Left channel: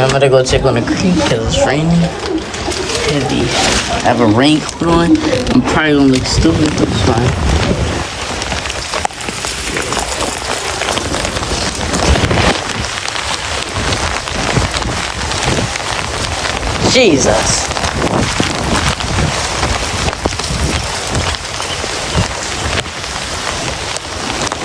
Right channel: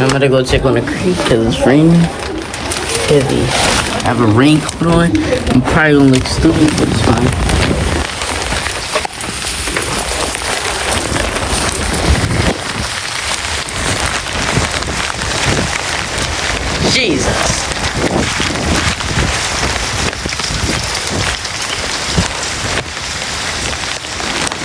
I'm gonna go check on the creek because it's raining heavy. I have a raincoat on. I'm probably gonna look stupid, but it's fine. Jesus.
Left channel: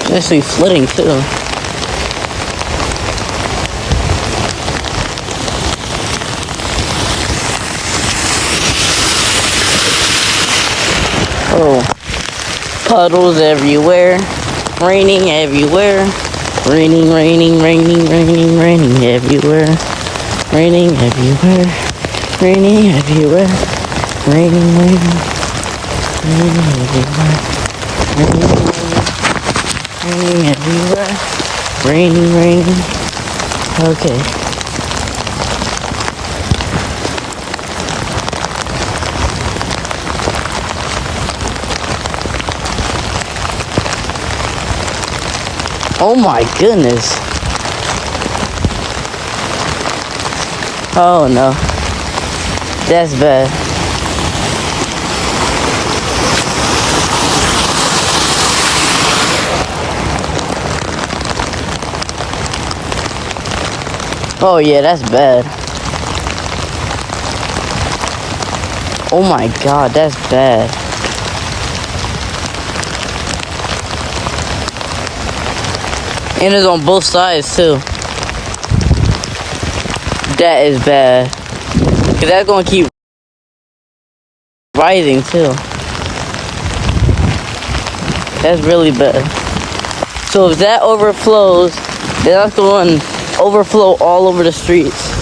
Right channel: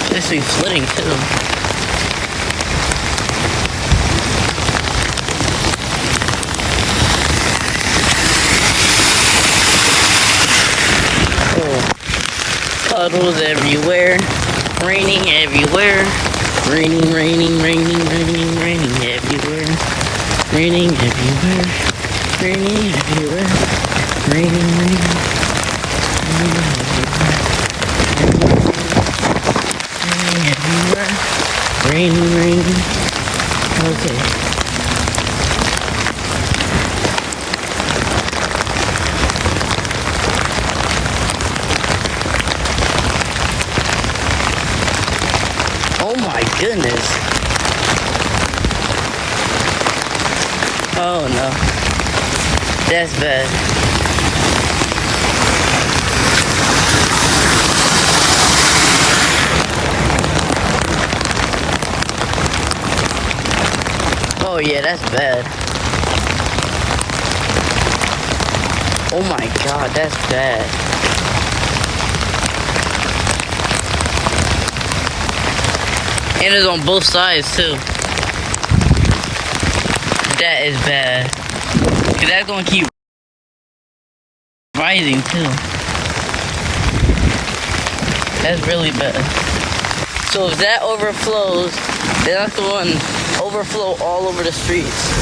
It's actually flooding too. Oh, puddles everywhere, raining everywhere, raining everywhere, raining everywhere, raining everywhere, raining everywhere, raining. Okay. Oh my goodness. Oh no. That's bad. Oh yeah, that's bad. Oh my god, that's bad. And it's on both sides too. That is bad. Cause that's gonna keep rising too. That's really bad. So if that overflows, then that's going to overflow all over the streets.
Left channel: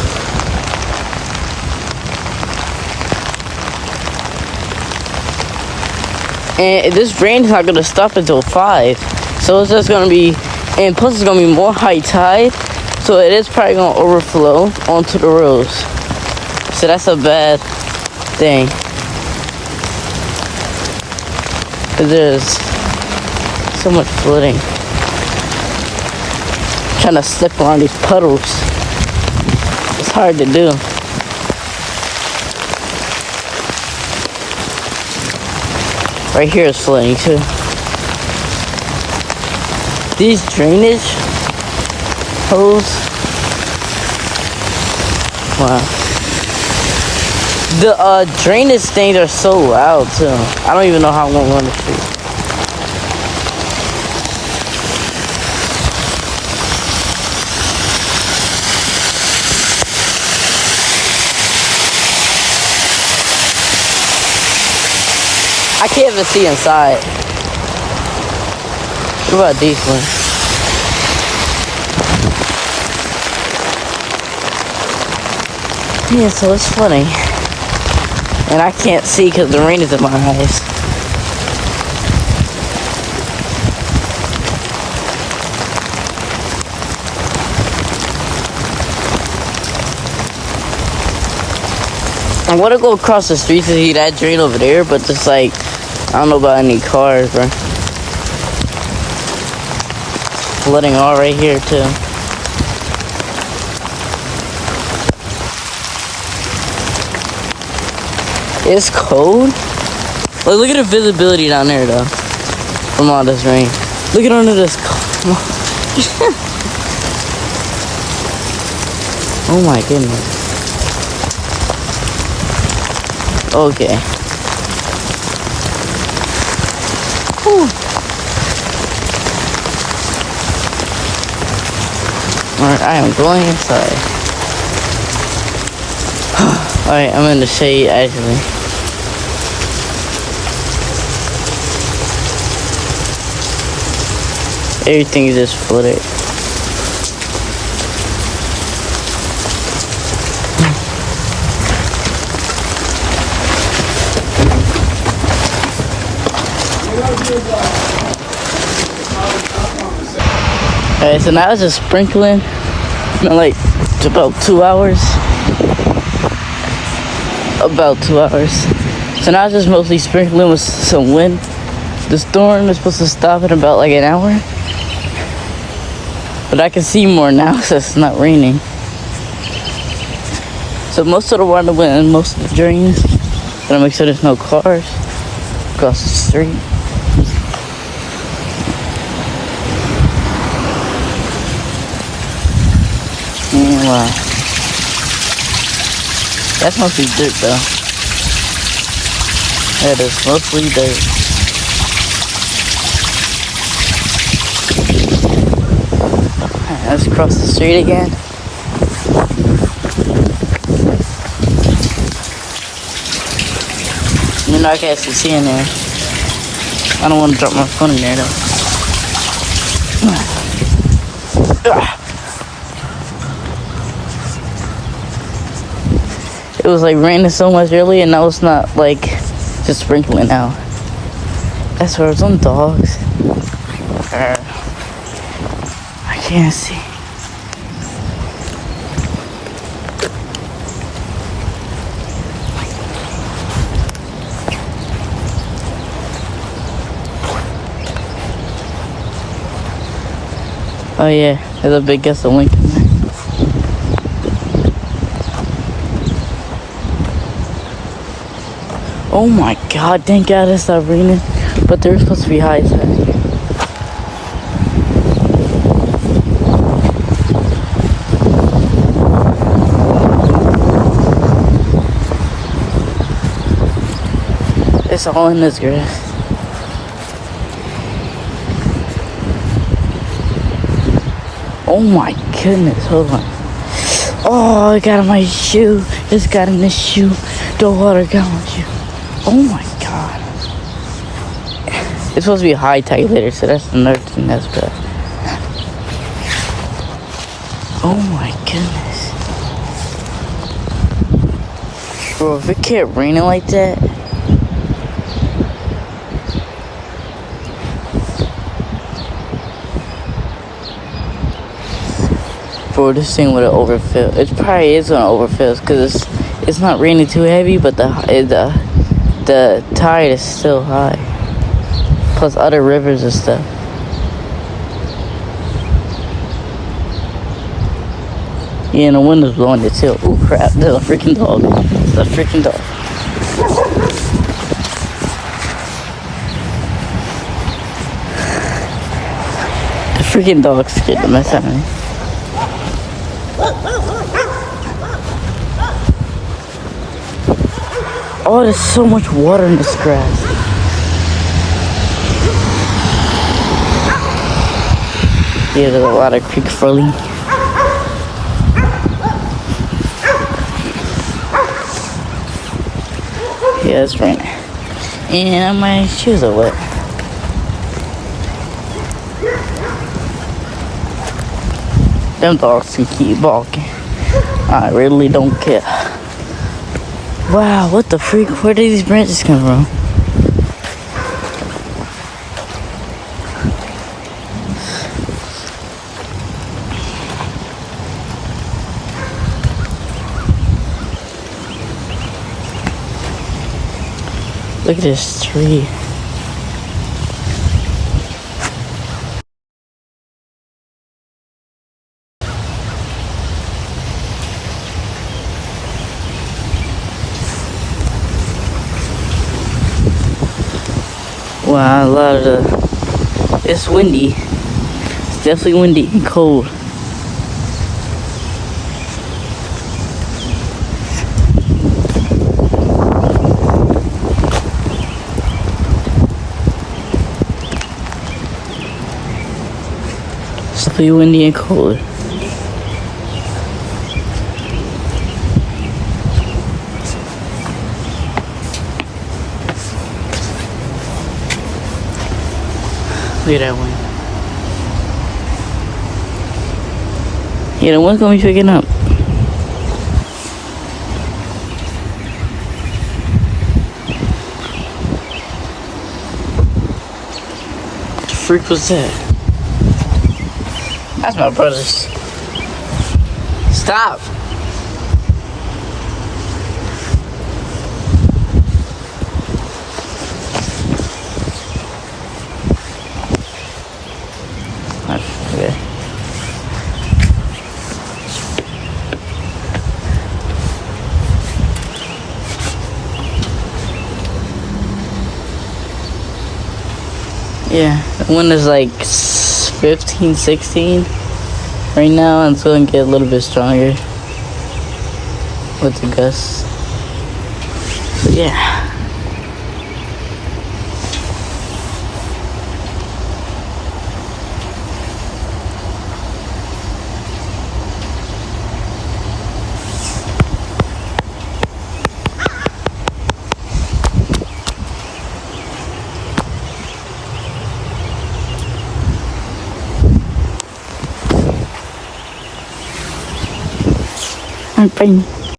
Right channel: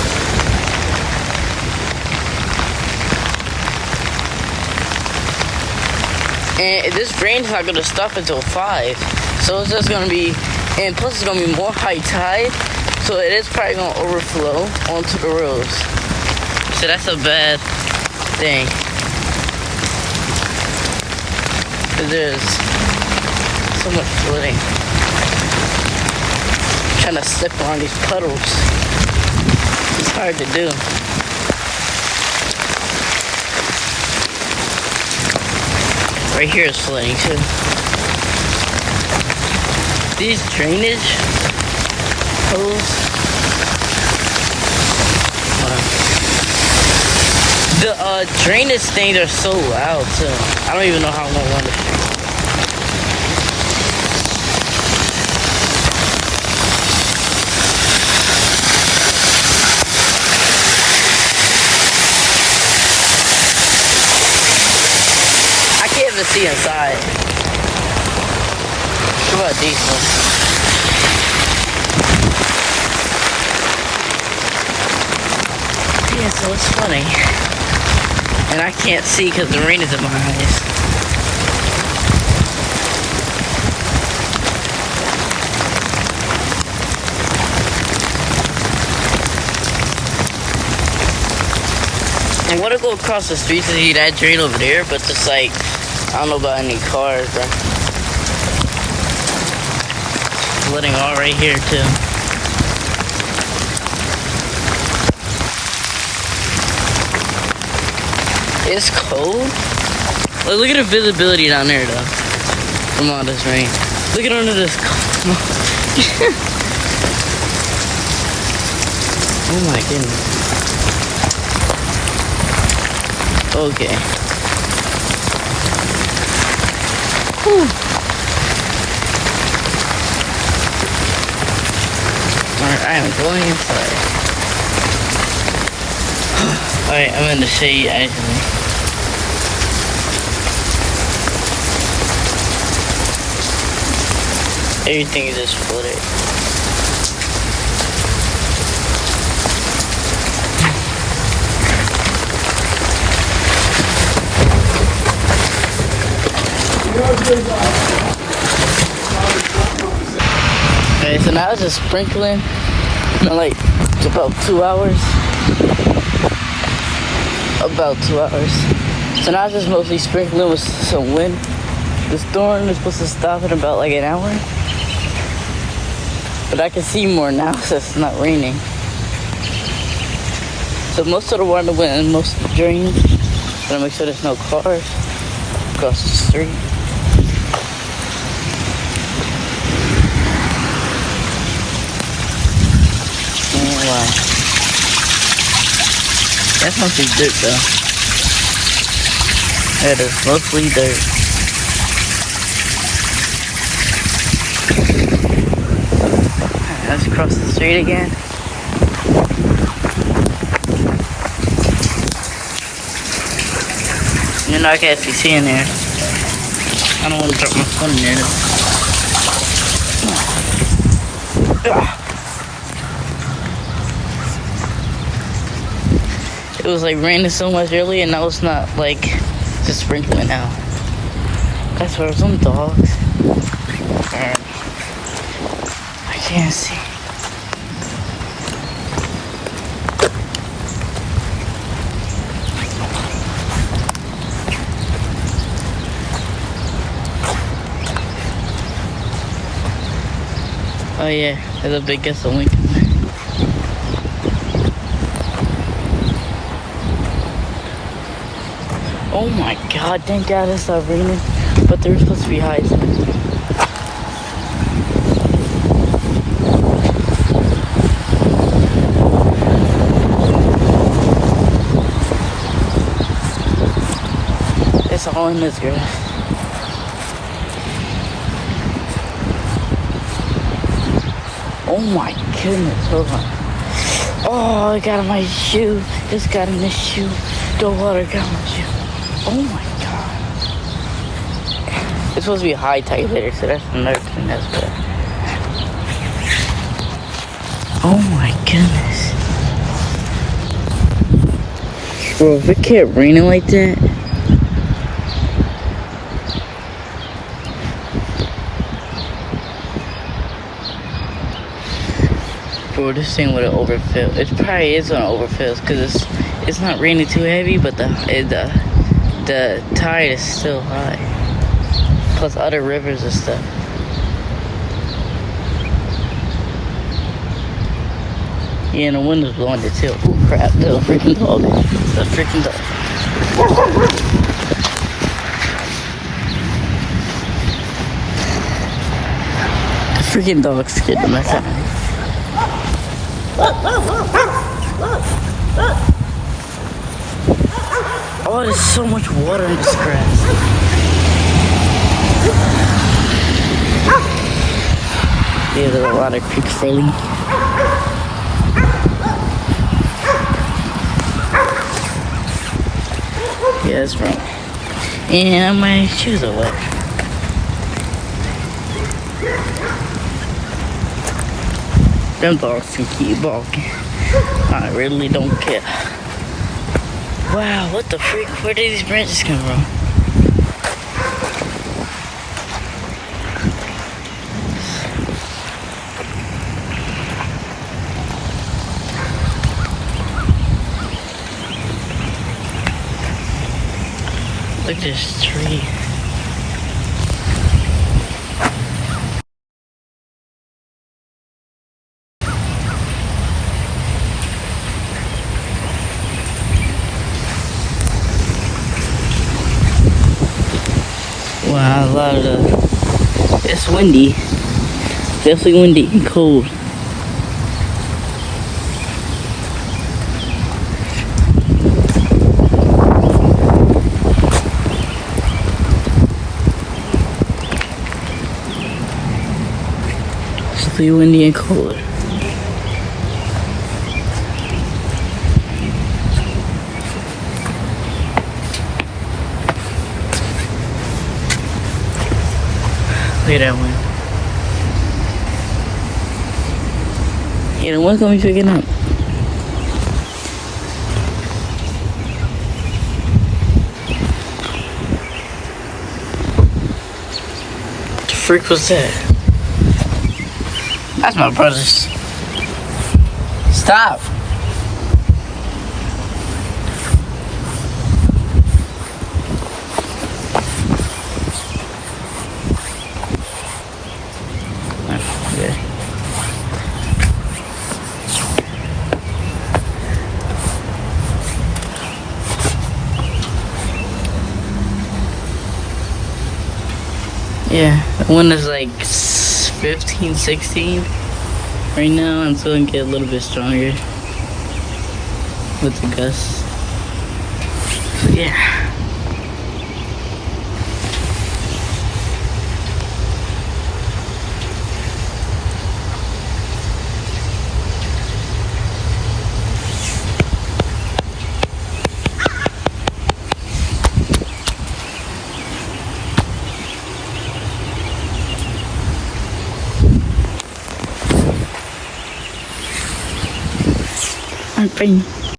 And this rain's not gonna stop until 5. So it's just gonna be, and plus it's gonna be more high tide. So it is probably gonna overflow onto the roads. So that's a bad thing. Cause there's so much flooding. Trying to slip on these puddles. It's hard to do. Right here is flooding too. These drainage hose. Wow. The drainage things are so loud too. I don't even know how I'm gonna run this shit. I can't even see inside. What about these ones? Yeah, so it's funny. And I can't see because the rain is in my eyes. I want to go across the street to see that drain over there, but just like, I don't know about any cars, bro. Flooding all right here too. It's cold. Look at the visibility down there though. From all this rain. Look at under this. Oh my goodness. Okay. Whew. Alright, I am going inside. Alright, I'm in the shade actually. Everything is just flooded. Alright, so now it's just sprinkling. It's been like about 2 hours. About 2 hours. So now it's just mostly sprinkling with some wind. The storm is supposed to stop in about like an hour. But I can see more now since it's not raining. So most of the water went in most of the drains. Gotta make sure there's no cars across the street. Wow. That's mostly dirt though. That is mostly dirt. Alright, let's cross the street again. You know I can't actually see in there. I don't want to drop my phone in there though. It was like raining so much earlier, and now it's not like just sprinkling out. That's where some dogs. I can't see. Oh yeah, there's a big gust of Lincoln. Oh my god, thank god it's not raining. But they're supposed to be high tide. It's all in this grass. Oh my goodness, hold on. Oh, it got in my shoe. It's got in this shoe. The water got in my shoe. Oh my god. It's supposed to be high tide later, so that's another thing as well. Oh my goodness. Bro, if it kept raining like that. Bro, this thing would have overfilled. It probably is gonna overfill because it's not raining too heavy, but the tide is still high. Plus other rivers and stuff. Yeah, and the wind is blowing it too. Oh crap, there's a freaking dog. There's a freaking dog. The freaking dog scared the mess out of me. Oh, there's so much water in this grass. Yeah, there's a lot of creeks falling. Yeah, it's raining. And my shoes are wet. Them dogs can keep barking. I really don't care. Wow, what the freak? Where did these branches come from? Look at this tree. Wow, a lot of it's windy. It's definitely windy and cold. It's definitely windy and cold. Look at that one. Yeah, the one's gonna be picking up. What the freak was that? That's my brother's. Stop. Okay. Yeah, the wind is like 15, 16 right now, and it's going to get a little bit stronger with the gusts. So yeah. Okay.